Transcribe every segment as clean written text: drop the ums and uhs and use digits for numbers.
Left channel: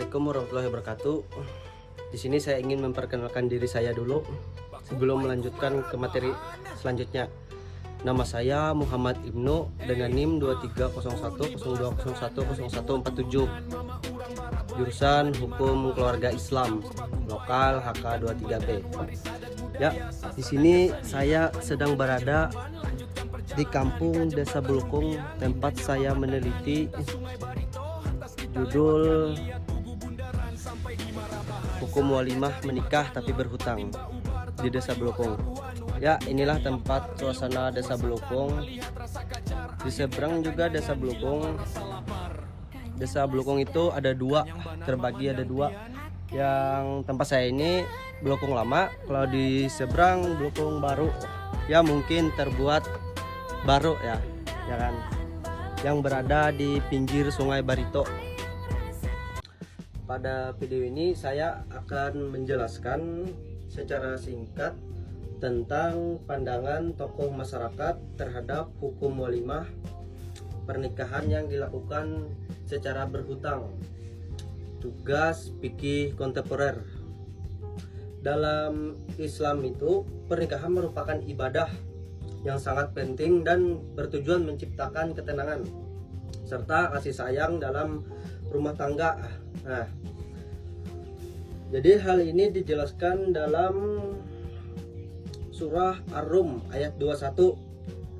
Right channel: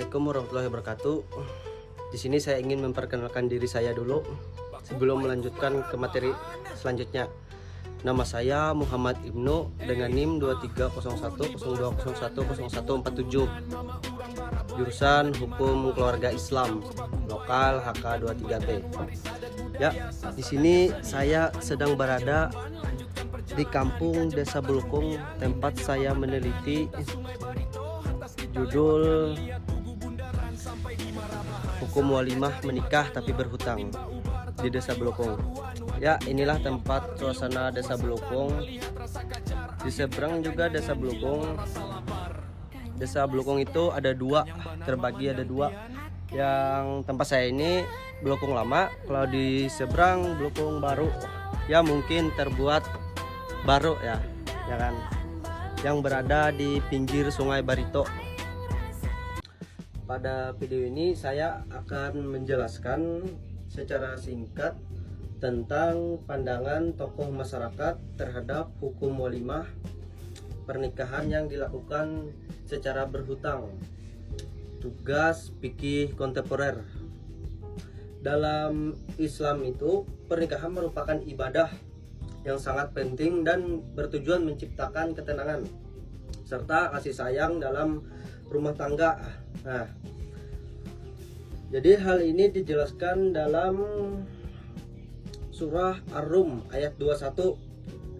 Assalamualaikum warahmatullahi wabarakatuh. Di sini saya ingin memperkenalkan diri saya dulu sebelum melanjutkan ke materi selanjutnya. Nama saya Muhammad Ibnu dengan NIM 230102010147. Jurusan Hukum Keluarga Islam, lokal HK23B. Ya, di sini saya sedang berada di kampung Desa Belukung, tempat saya meneliti judul Hukum Walimah Menikah Tapi Berhutang di Desa Belukung. Ya, inilah tempat suasana Desa Belukung. Di seberang juga Desa Belukung. Desa Belukung itu ada dua, terbagi ada dua. Yang tempat saya ini Belukung lama, kalau di seberang Belukung baru. Ya, mungkin terbuat baru ya kan, yang berada di pinggir Sungai Barito. Pada video ini saya akan menjelaskan secara singkat tentang pandangan tokoh masyarakat terhadap hukum walimah pernikahan yang dilakukan secara berhutang. Tugas fikih kontemporer. Dalam Islam itu, pernikahan merupakan ibadah yang sangat penting dan bertujuan menciptakan ketenangan serta kasih sayang dalam rumah tangga. Nah, jadi hal ini dijelaskan dalam surah Ar-Rum ayat 21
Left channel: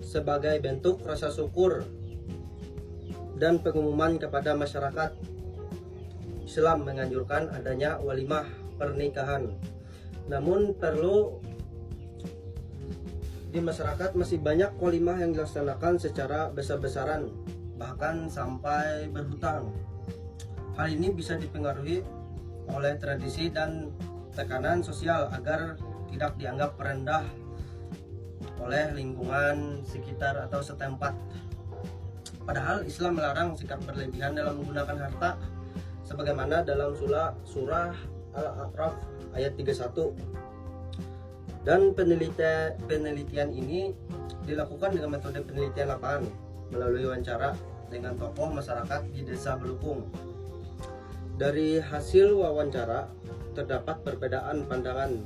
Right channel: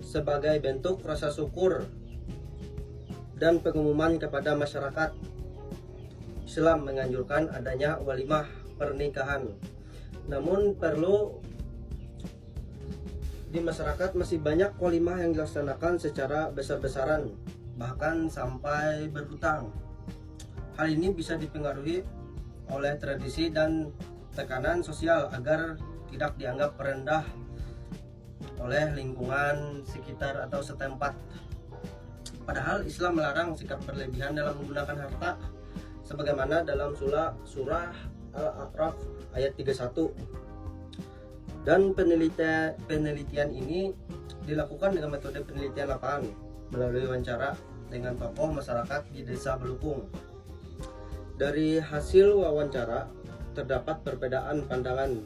sebagai bentuk rasa syukur dan pengumuman kepada masyarakat. Islam menganjurkan adanya walimah pernikahan. Namun di masyarakat masih banyak walimah yang dilaksanakan secara besar-besaran, bahkan sampai berhutang. Hal ini bisa dipengaruhi oleh tradisi dan tekanan sosial agar tidak dianggap rendah oleh lingkungan sekitar atau setempat. Padahal Islam melarang sikap berlebihan dalam menggunakan harta, sebagaimana dalam surah Al-A'raf ayat 31. Dan penelitian ini dilakukan dengan metode penelitian lapangan melalui wawancara dengan tokoh masyarakat di Desa Belukung. Dari hasil wawancara terdapat perbedaan pandangan.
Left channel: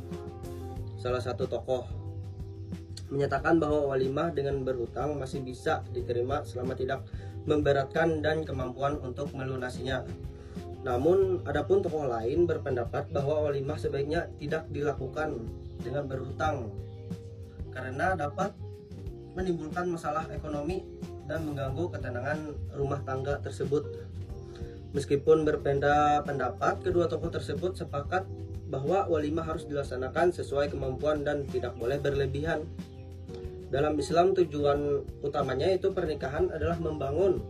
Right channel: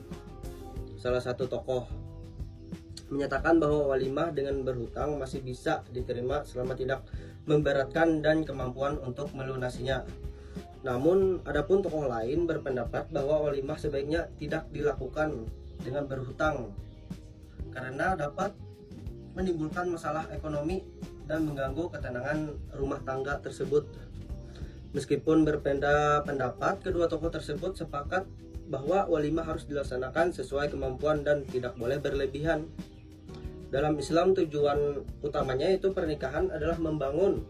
Salah satu tokoh menyatakan bahwa walimah dengan berhutang masih bisa diterima selama tidak memberatkan dan kemampuan untuk melunasinya. Namun adapun tokoh lain berpendapat bahwa walimah sebaiknya tidak dilakukan dengan berhutang karena dapat menimbulkan masalah ekonomi dan mengganggu ketenangan rumah tangga tersebut. Meskipun berbeda pendapat, kedua tokoh tersebut sepakat bahwa walimah harus dilaksanakan sesuai kemampuan dan tidak boleh berlebihan. Dalam Islam, tujuan utamanya itu pernikahan adalah membangun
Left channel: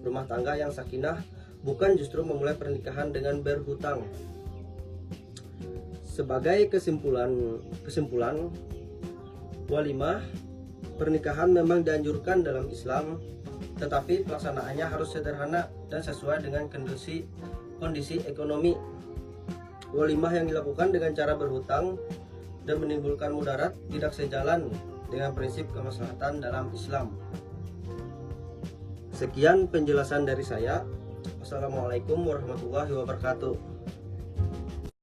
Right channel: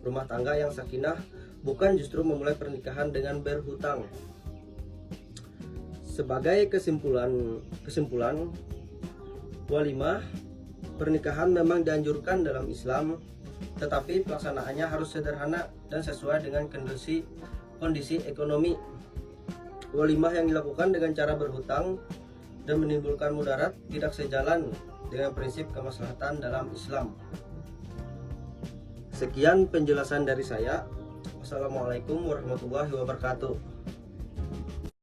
rumah tangga yang sakinah, bukan justru memulai pernikahan dengan berhutang. Sebagai kesimpulan walimah pernikahan memang dianjurkan dalam Islam, tetapi pelaksanaannya harus sederhana dan sesuai dengan kondisi ekonomi. Walimah yang dilakukan dengan cara berhutang dan menimbulkan mudarat tidak sejalan dengan prinsip kemaslahatan dalam Islam. Sekian penjelasan dari saya. Wassalamualaikum warahmatullahi wabarakatuh.